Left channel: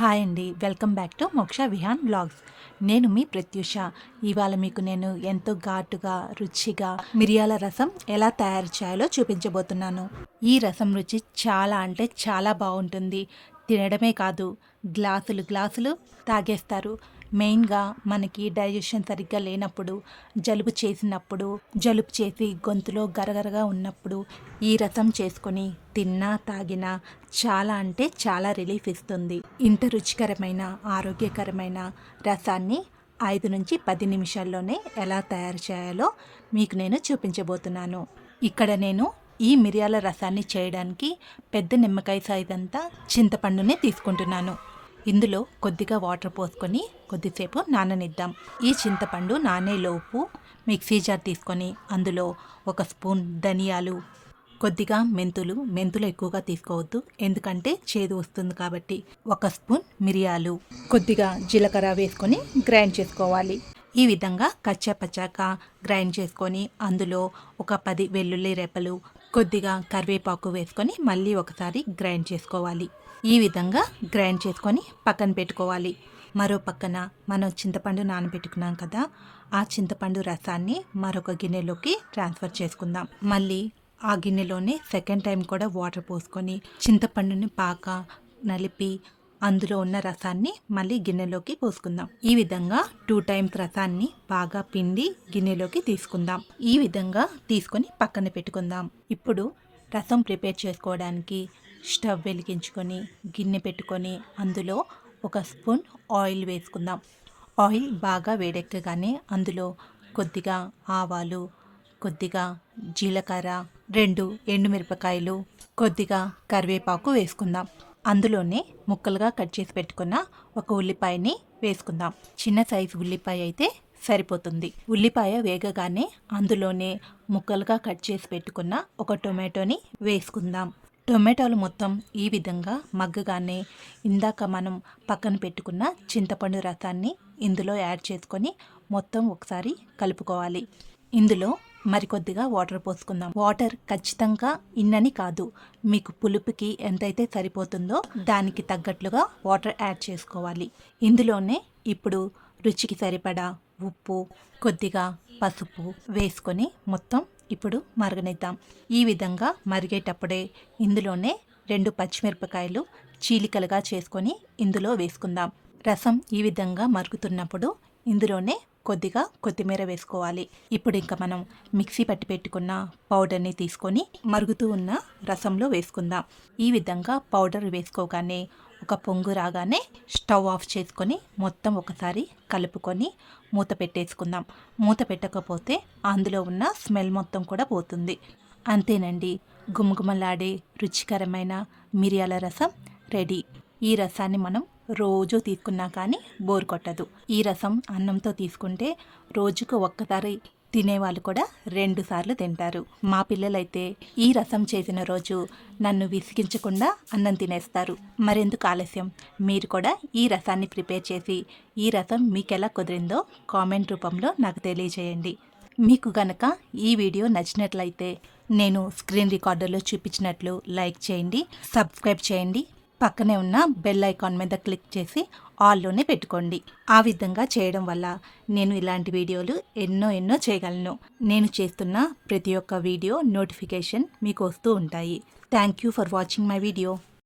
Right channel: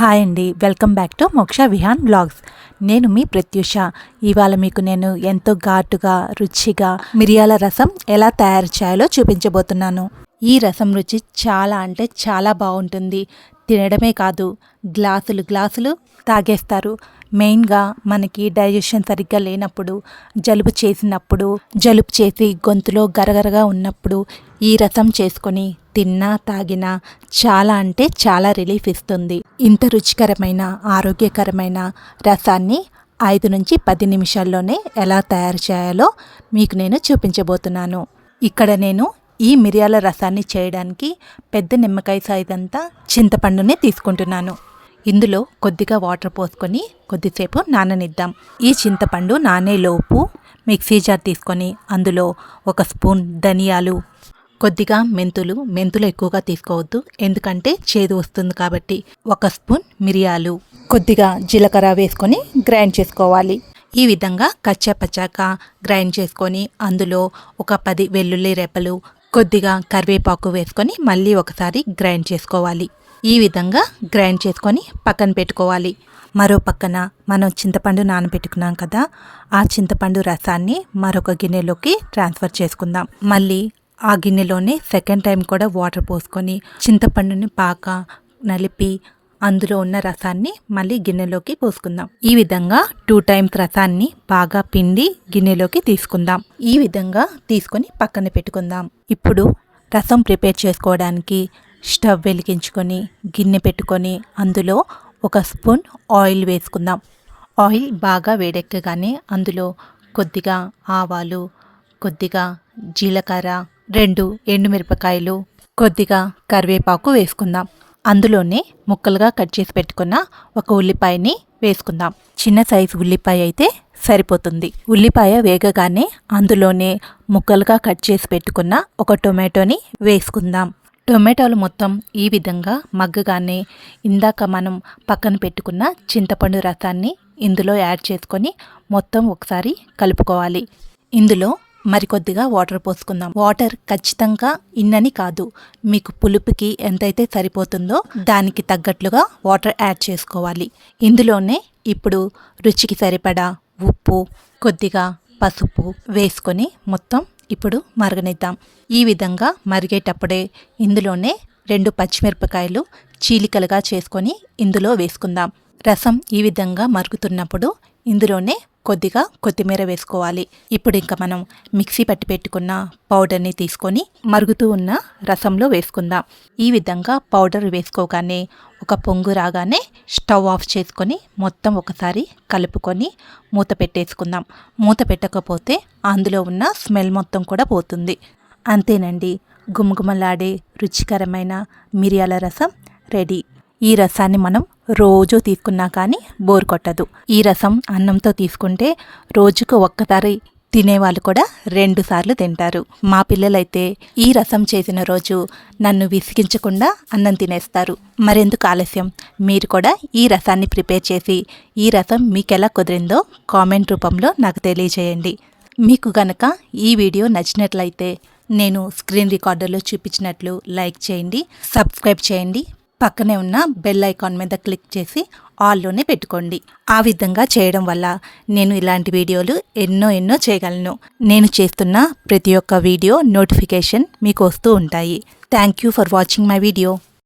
Hi అండి. Welcome back to మోక్ష Vihaan blogs. నేను మీ ప్రత్యూష. ఇవాళ మీకు నేను ఎంతో ఘాటుగా రుచిగా మిరియాల రసం ఎలా తయారు చేయాలో చూపించబోతున్నాను. ఈ రసం రుచి చాలా అంటే చాలా బాగుంటుంది. తినడమే కాదు గ్లాసులు గ్లాసులు తాగేస్తారు. మెయిన్గా మనకి డైజెషన్ సరిగ్గా లేనప్పుడు జలుబు చేసినప్పుడు జలుబు చేసి గొంతులో గరగరగా ఉన్నప్పుడు ఈ రసం చేసుకొని తిన్నా తాగినా చాలా అంటే చాలా రిలీఫ్ ఇస్తుంది. ఇంత రుచికరమైన ఆరోగ్యకరమైన రసాన్ని ఐదు నుంచి పది నిమిషాల్లోనే ఎలా తయారు చేయాలో మీకు నేను చూపించబోతున్నాను. ఇక్కడ నేను ఈ మిరియాల రసాన్ని చేయడానికి పెద్ద నిమ్మకాయ సైజ్ అంతా చింతపండుని తీసుకుంటున్నాను. ఇందులో కొద్దిగా వాటర్ పోసుకొని కొద్దిసేపు నాననిద్దాం. ఈ చింతపండు నానేలోపు మిక్సీ జార్ తీసుకొని అందులో ఒక స్పూన్ ధనియాలు కొద్దిగా మెంతులు మెంతులు ఎక్కువగా తీసుకోవద్దు ఎందుకంటే చేదు వస్తుంది కాబట్టి ఒక స్పూన్ మిరియాలు కొద్దిగా జీలకర్ర వేసుకొని గ్రైండ్ చేసుకోవాలి. ఈ విధంగా కచ్చాపచ్చాక గ్రైండ్ చేసుకొని అందులో ఒక పది వెల్లుల్లి రెప్పలు కొద్దిగా కరివేపాకు వేసుకొని మళ్ళీ ఒకసారి గ్రైండ్ చేసుకోవాలి. ఈ విధంగా గ్రైండ్ చేసుకొని పక్కన పెట్టుకోవాలి. మరో పక్కన మనం చింతపండు నానబెట్టుకున్నాం కదా ఆ చింతపండు రసాన్ని మరొక గిన్నెలోకి ట్రాన్స్ఫర్ చేసుకుందాం. మళ్ళీ ఆ గిన్నెలోనే సెకండ్ టైం కూడా వాటర్ పోసుకొని చింతపండుని బాగా నలిపి అందులో ఉన్న రసాన్ని మళ్ళీ గిన్నెలోకి పోసుకుందాం. ఈ విధంగా టూ టైమ్స్ రసాన్ని బాగా పిండి గిన్నెలోకి తీసుకుందాం. ఈ విధంగా తీసుకొని పక్కన పెట్టుకుందాం. ఇప్పుడు రసం ప్రిపేర్ చేసుకోవడానికి స్టవ్ వెలిగించుకొని గిన్నె పెట్టుకొని అందులో ఒక స్పూన్ ఆయిల్ వేసుకుందాం. ఆయిల్ బాగా వేడెక్కగానే అందులో కొద్దిగా ఆవాలు కొద్దిగా జీలకర్ర రెండు ఎండుమిరపకాయలు కొద్దిగా కరివేపాకు వేసుకుందాం. అందులోనే ముక్కలుగా కట్ చేసి పెట్టుకున్న ఒక ఉల్లిపాయని వేసుకుందాం. చిన్న సైజు ఉల్లిపాయ అయితే సరిపోతుంది. ఉల్లిపాయ వేగగానే అందులోనే ముక్కలుగా కట్ చేసి పెట్టుకున్న ఒక టొమాటోని వేసుకుందాం. టొమాటోలు మొత్తం ఈ విధంగా మగ్గగానే ఇందాక మనం పక్కన పెట్టుకున్న చింతపండు రసాన్ని ఇందులో యాడ్ చేసుకొని మొత్తం ఒకసారి కలుపుకోవాలి. ఇందులో మరికొద్దిగా వాటర్ పోసుకుందాం. వాటర్ ఖచ్చితంగా ఇన్నని కాదు మీకు పులుపుకి ఎంతైతే సరిపోతుందో దానికి తగ్గట్లుగా వాటర్ యాడ్ చేసుకోవాలి. ఇందులోనే ఇప్పుడు రుచికి సరిపడా ఉప్పు కొద్దిగా పసుపు వేసుకొని మొత్తం ఇప్పుడు మరగనిద్దాం. ఈ విధంగా మరిగేటప్పుడే ఇందులోనే రెండు పచ్చిమిరపకాయలు చీలికలుగా చేసుకొని ఇందులో వేసుకుందాం. రసం ఈ విధంగా మరుగుతున్నప్పుడు ఇందులోనే కొద్దిగా కొత్తిమీర వేసుకోవాలి. ఇప్పుడు ఇంకా మనం మిక్సీ పట్టి పెట్టుకున్న పౌడర్ని తీసుకొని మరుగుతూ ఉన్న రసంలో వేసుకుందాం. ఈ విధంగా పౌడర్ వేసుకోగానే ఒక పొంగు రాగానే స్టవ్ ఆఫ్ చేసుకొని మొత్తం ఒకసారి కలుపుకొని మూత పెట్టేసుకుందాం. మూత పెట్టకపోతే అందులో ఉన్న స్మెల్ మొత్తం కూడా పోతుంది. అంతేనండి గుమగుమలాడే రుచికరమైన మిరియాల రసం రెడీ. ఈ రసాన్ని మనం రోజు తీసుకున్నా కానీ బోర్ కొట్టదు. ఈ రసం అన్నంతో తీసుకుంటే రోజుకు ఒక్కసారి తినేవాళ్ళు కూడా రెండు సార్లు తింటారు. మా పిల్లలైతే ఈ రసం చేసిన రోజు నన్ను విసిగించకుండా అన్నం తినేస్తారు. మరెందుకు ఆలస్యం? మీరు కూడా ఈ రసాన్ని ప్రిపేర్ చేసి ఈ రసం మీకు ఎలా కుదిరిందో కామెంట్ రూపంలో నాకు తెలియజేయండి. మీకు గనక ఈ వీడియో నచ్చినట్లయితే నేను స్క్రీన్ రికార్డర్లో చూపించినట్లు లైక్ చేయండి సబ్స్క్రైబ్ చేయండి. పక్కనే ఉన్న బెల్ ఐకాన్ మీద క్లిక్ చేసి ఆల్లోనే పెట్టుకోండి. ఆ విధంగా చేయడం వల్ల నేను ఇలాంటి వీడియోలు ఎన్నో ఎన్నో చేయగలను. నేను చేస్తున్న ప్రతి ఒక్క వీడియో నోటిఫికేషన్ మీకు వస్తూ ఉంటాయి. Thank you for watching my video